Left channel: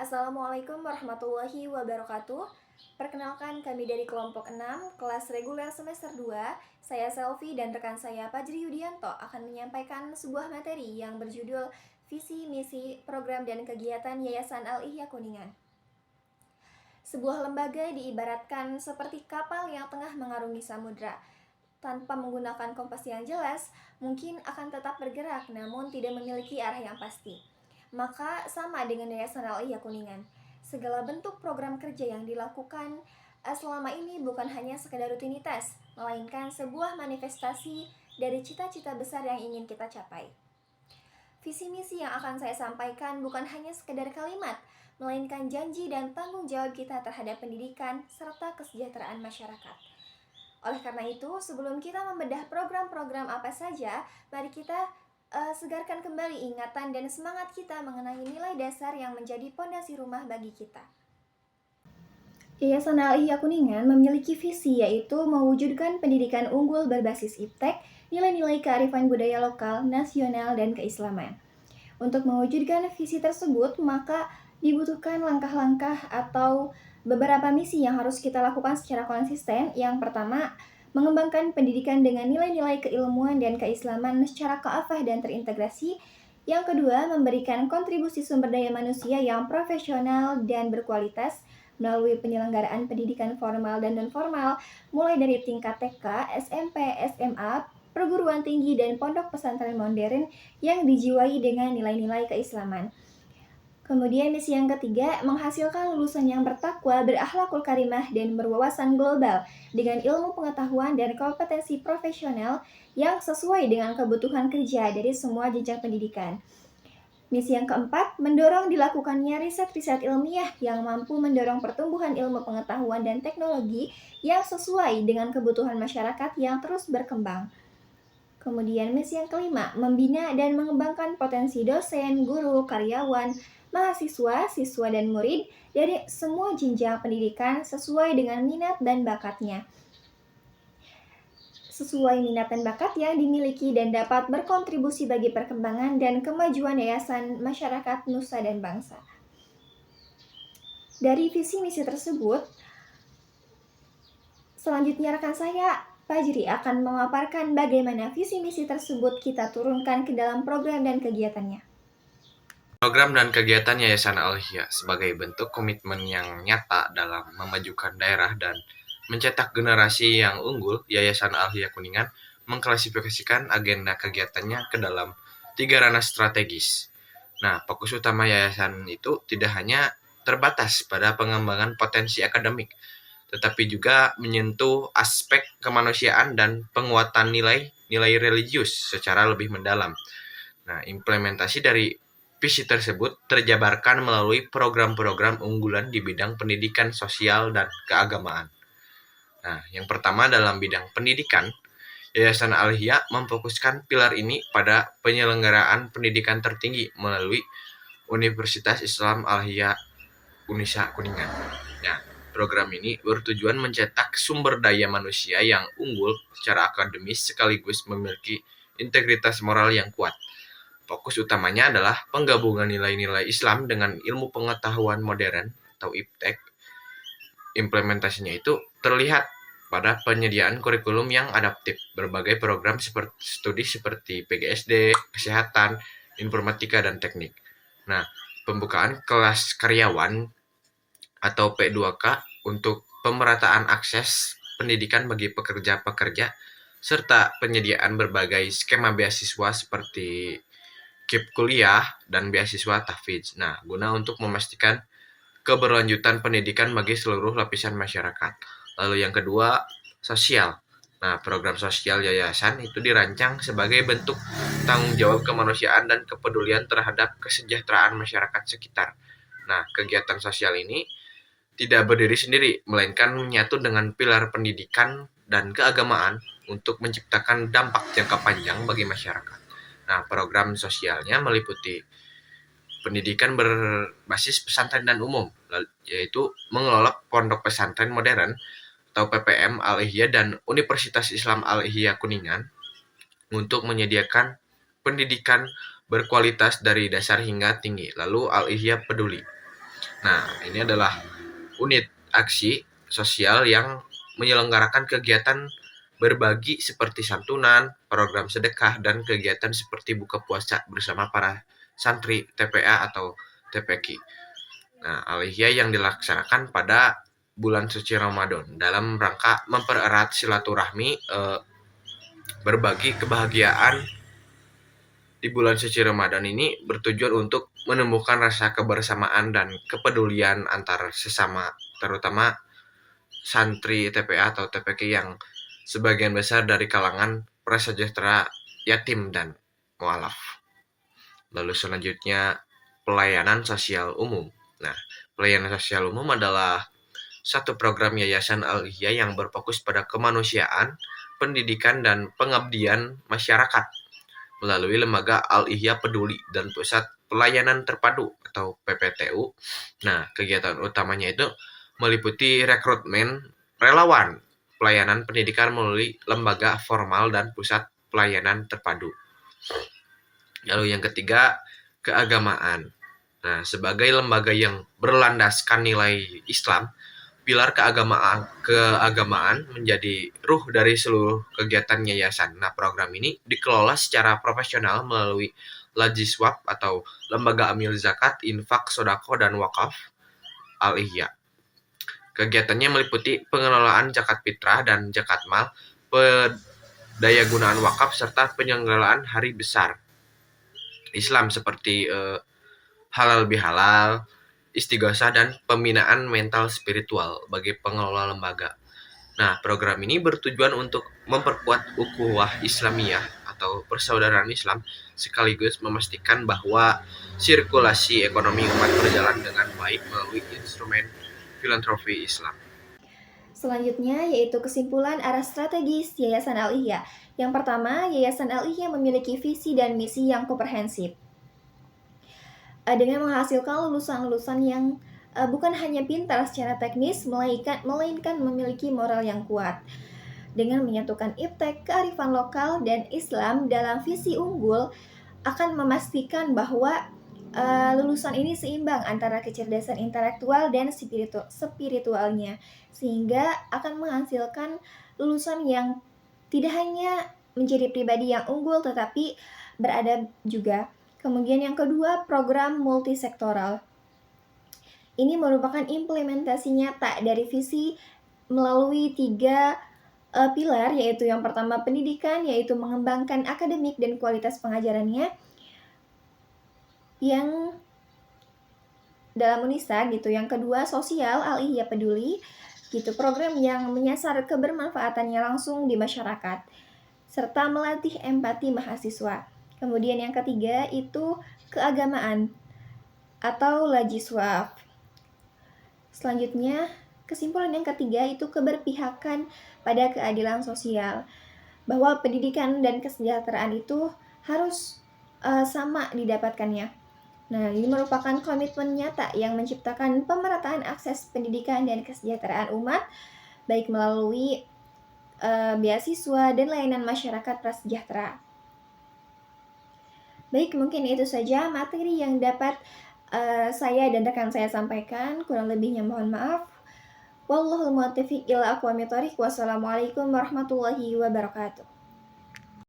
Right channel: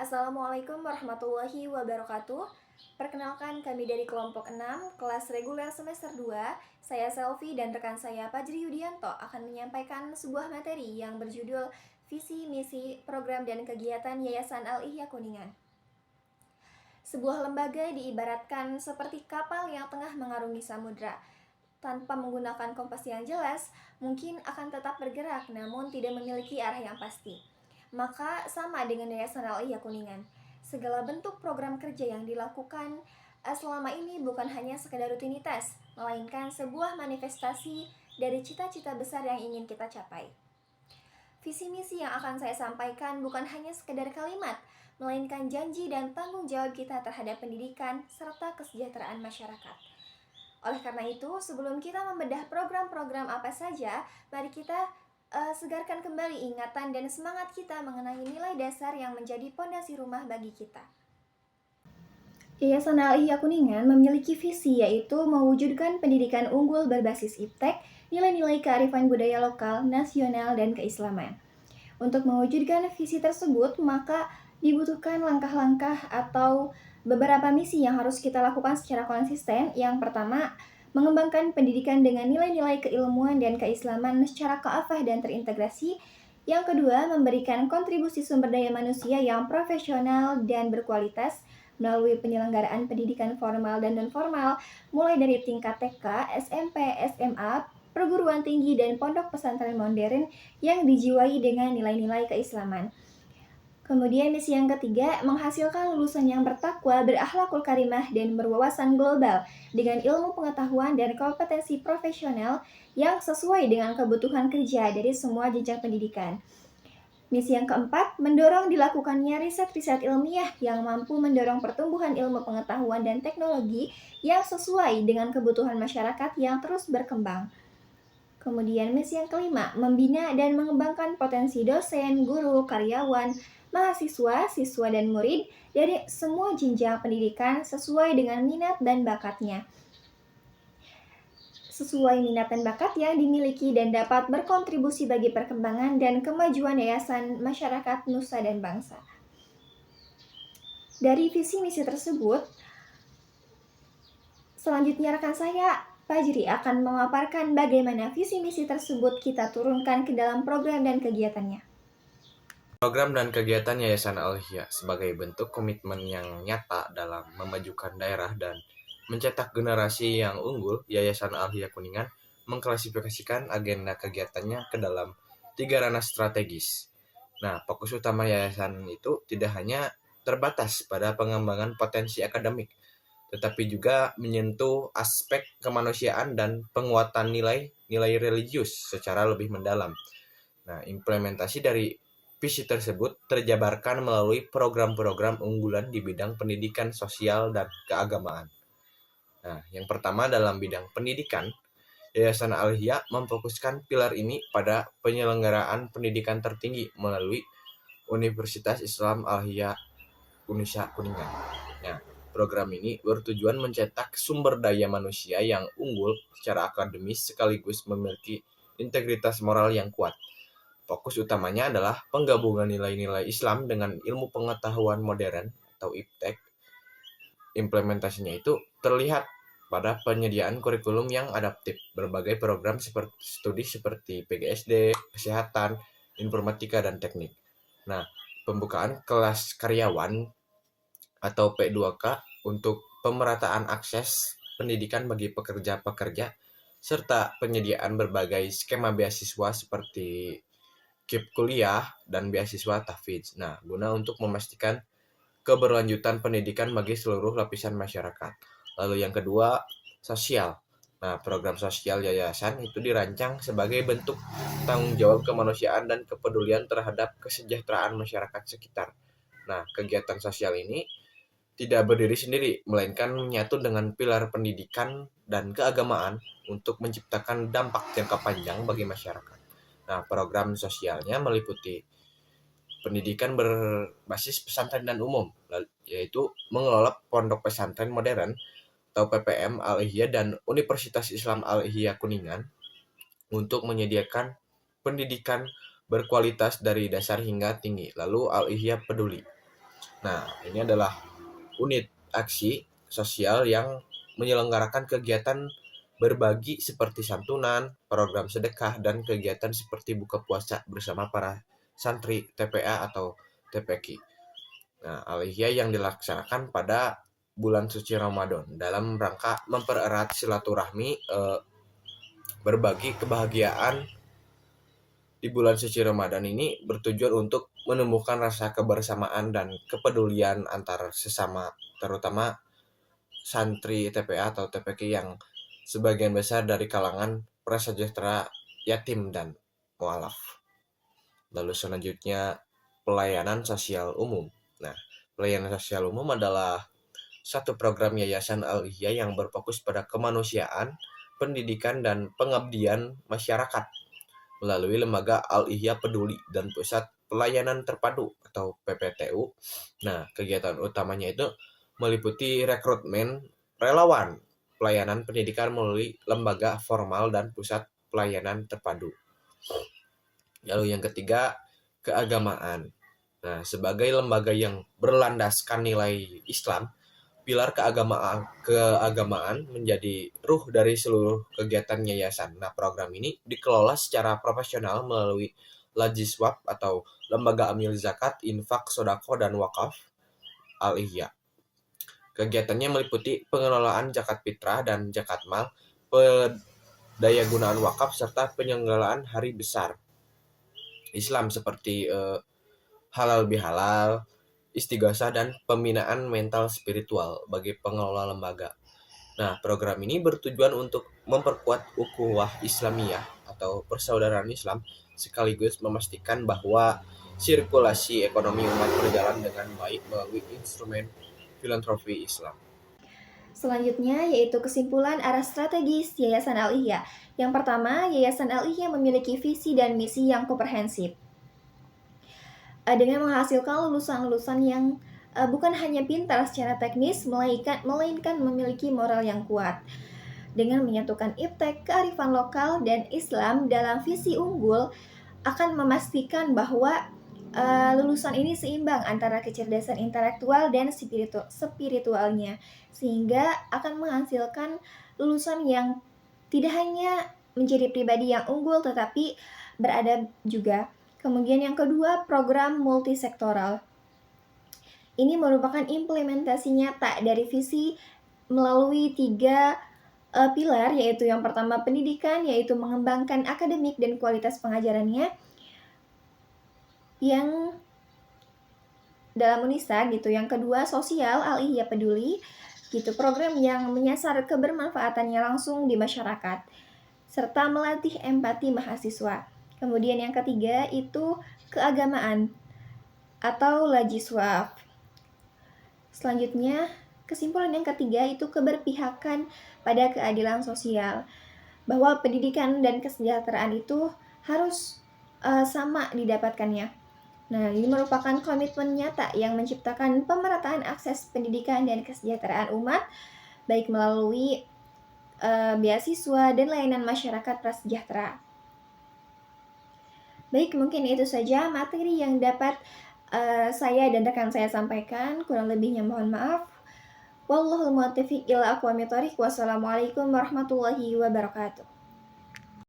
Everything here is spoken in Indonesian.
Assalamualaikum warahmatullahi wabarakatuh. Perkenalkan kami dari kelompok 6, kelas reguler semester 2. Saya Selvi dan rekan saya Fajri Yudianto akan menyampaikan sebuah materi yang berjudul Visi, Misi, Program dan Kegiatan Yayasan Al-Ihya Kuningan. Sebuah lembaga diibaratkan seperti kapal yang tengah mengarungi samudra. Tanpa menggunakan kompas yang jelas, mungkin akan tetap bergerak namun tidak memiliki arah yang pasti. Maka sama dengan Yayasan Al-Ihya Kuningan. Segala bentuk program kerja yang dilakukan selama ini bukan hanya sekedar rutinitas, melainkan sebuah manifestasi dari cita-cita besar yang ingin kita capai. Visi misi yang akan saya sampaikan bukan hanya sekedar kalimat, melainkan janji dan tanggung jawab kita terhadap pendidikan serta kesejahteraan masyarakat. Oleh karena itu, sebelum kita membedah program-program apa saja, mari kita segarkan kembali ingatan dan semangat kita mengenai nilai dasar yang menjadi pondasi rumah bagi kita. Yayasan Al-Ihya Kuningan memiliki visi yaitu mewujudkan pendidikan unggul berbasis iptek, nilai-nilai kearifan budaya lokal, nasional, dan keislaman. Untuk mewujudkan visi tersebut, maka dibutuhkan langkah-langkah atau beberapa misi yang harus kita lakukan secara konsisten. Yang pertama, mengembangkan pendidikan dengan nilai-nilai keilmuan dan keislaman secara kafah dan terintegrasi. Yang kedua, memberikan kontribusi sumber daya manusia yang profesional dan berkualitas melalui penyelenggaraan pendidikan formal dan non-formal, mulai dari tingkat TK, SMP, SMA, perguruan tinggi, dan pondok pesantren modern yang dijiwai dengan nilai-nilai keislaman. Kemudian misi yang ketiga, menghasilkan lulusan yang bertakwa, berakhlakul karimah, dan berwawasan global dengan ilmu pengetahuan dan kompetensi profesional yang sesuai dengan kebutuhan kerja dari semua jenjang pendidikan. Misi yang keempat, mendorong dilakukannya riset-riset ilmiah yang mampu mendorong pertumbuhan ilmu pengetahuan dan teknologi yang sesuai dengan kebutuhan masyarakat yang terus berkembang. Kemudian misi yang kelima, membina dan mengembangkan potensi dosen, guru, karyawan, mahasiswa, siswa, dan murid dari semua jenjang pendidikan sesuai dengan minat dan bakatnya. Sesuai minat dan bakat yang dimiliki dan dapat berkontribusi bagi perkembangan dan kemajuan yayasan masyarakat nusa dan bangsa. Dari visi misi tersebut, selanjutnya rekan saya Fajri akan memaparkan bagaimana visi misi tersebut kita turunkan ke dalam program dan kegiatannya. Program dan kegiatan Yayasan Al-Ihya sebagai bentuk komitmen yang nyata dalam memajukan daerah dan mencetak generasi yang unggul, Yayasan Al-Ihya Kuningan mengklasifikasikan agenda kegiatannya ke dalam 3 ranah strategis. Nah, fokus utama yayasan itu tidak hanya terbatas pada pengembangan potensi akademik, tetapi juga menyentuh aspek kemanusiaan dan penguatan nilai religius secara lebih mendalam. Nah, implementasi dari visi tersebut terjabarkan melalui program-program unggulan di bidang pendidikan sosial dan keagamaan. Nah, yang pertama dalam bidang pendidikan, Yayasan Al-Ihya memfokuskan pilar ini pada penyelenggaraan pendidikan tertinggi melalui Universitas Islam Al-Ihya Unisa Kuningan. Nah, program ini bertujuan mencetak sumber daya manusia yang unggul secara akademis sekaligus memiliki integritas moral yang kuat. Fokus utamanya adalah penggabungan nilai-nilai Islam dengan ilmu pengetahuan modern atau iptek. Implementasinya itu terlihat pada penyediaan kurikulum yang adaptif, berbagai program studi seperti PGSD, kesehatan, informatika, dan teknik. Nah, pembukaan kelas karyawan atau P2K untuk pemerataan akses pendidikan bagi pekerja-pekerja, serta penyediaan berbagai skema beasiswa seperti KIP kuliah dan beasiswa tahfidz. Nah, guna untuk memastikan keberlanjutan pendidikan bagi seluruh lapisan masyarakat. Lalu yang kedua, sosial. Nah, program sosial yayasan itu dirancang sebagai bentuk tanggung jawab kemanusiaan dan kepedulian terhadap kesejahteraan masyarakat sekitar. Nah, kegiatan sosial ini tidak berdiri sendiri, melainkan menyatu dengan pilar pendidikan dan keagamaan untuk menciptakan dampak jangka panjang bagi masyarakat. Nah, program sosialnya meliputi pendidikan berbasis pesantren dan umum, yaitu mengelola pondok pesantren modern atau PPM Al-Ihya dan Universitas Islam Al-Ihya Kuningan untuk menyediakan pendidikan berkualitas dari dasar hingga tinggi. Lalu Al-Ihya Peduli. Nah, ini adalah unit aksi sosial yang menyelenggarakan kegiatan berbagi seperti santunan, program sedekah, dan kegiatan seperti buka puasa bersama para santri TPA atau TPQ. Nah, alihya yang dilaksanakan pada bulan suci Ramadan dalam rangka mempererat silaturahmi, berbagi kebahagiaan di bulan suci Ramadan ini bertujuan untuk menumbuhkan rasa kebersamaan dan kepedulian antar sesama, terutama santri TPA atau TPK yang sebagian besar dari kalangan prasejahtera, yatim, dan mualaf. Lalu selanjutnya pelayanan sosial umum. Nah, pelayanan sosial umum adalah satu program Yayasan Al-Ihya yang berfokus pada kemanusiaan, pendidikan, dan pengabdian masyarakat melalui lembaga Al-Ihya Peduli dan Pusat Pelayanan Terpadu atau PPTU. Nah, kegiatan utamanya itu meliputi rekrutmen relawan pelayanan pendidikan melalui lembaga formal dan pusat pelayanan terpadu. Lalu yang ketiga, keagamaan. Nah, sebagai lembaga yang berlandaskan nilai Islam, pilar keagamaan menjadi ruh dari seluruh kegiatan yayasan. Nah, program ini dikelola secara profesional melalui Lajiswab atau Lembaga Amil Zakat, Infak, Sodako, dan Wakaf Al-Ihya. Kegiatannya meliputi pengelolaan zakat fitrah dan zakat mal, pendayagunaan wakaf, serta penyelenggaraan hari besar Islam seperti halal bihalal, istighosah, dan pembinaan mental spiritual bagi pengelola lembaga. Nah, program ini bertujuan untuk memperkuat ukhuwah Islamiyah atau persaudaraan Islam sekaligus memastikan bahwa sirkulasi ekonomi umat berjalan dengan baik melalui instrumen filantropi Islam. Selanjutnya yaitu kesimpulan arah strategis Yayasan Al-Ihya. Yang pertama, Yayasan Al-Ihya memiliki visi dan misi yang komprehensif. Dengan menghasilkan lulusan-lulusan yang bukan hanya pintar secara teknis, melainkan memiliki moral yang kuat. Dengan menyatukan iptek, kearifan lokal, dan Islam dalam visi unggul, akan memastikan bahwa lulusan ini seimbang antara kecerdasan intelektual dan spiritualnya, sehingga akan menghasilkan lulusan yang tidak hanya menjadi pribadi yang unggul, tetapi beradab juga. Kemudian yang kedua, program multisektoral. Ini merupakan implementasi nyata dari visi melalui 3 pilar, yaitu yang pertama pendidikan, yaitu mengembangkan akademik dan kualitas pengajarannya. Yang dalam Unisa gitu. Yang kedua, sosial, Al-Ihya Peduli, gitu, program yang menyasar kebermanfaatannya langsung di masyarakat serta melatih empati mahasiswa. Kemudian yang ketiga itu keagamaan atau Lajiswaf. Selanjutnya, kesimpulan yang ketiga itu keberpihakan pada keadilan sosial, bahwa pendidikan dan kesejahteraan itu harus sama didapatkannya. Nah, ini merupakan komitmen nyata yang menciptakan pemerataan akses pendidikan dan kesejahteraan umat, baik melalui beasiswa dan layanan masyarakat prasejahtera. Baik, mungkin itu saja materi yang dapat saya dan rekan saya sampaikan. Kurang lebihnya mohon maaf. Wallahul muwaffiq ila aqwamit thoriq. Wassalamualaikum warahmatullahi wabarakatuh.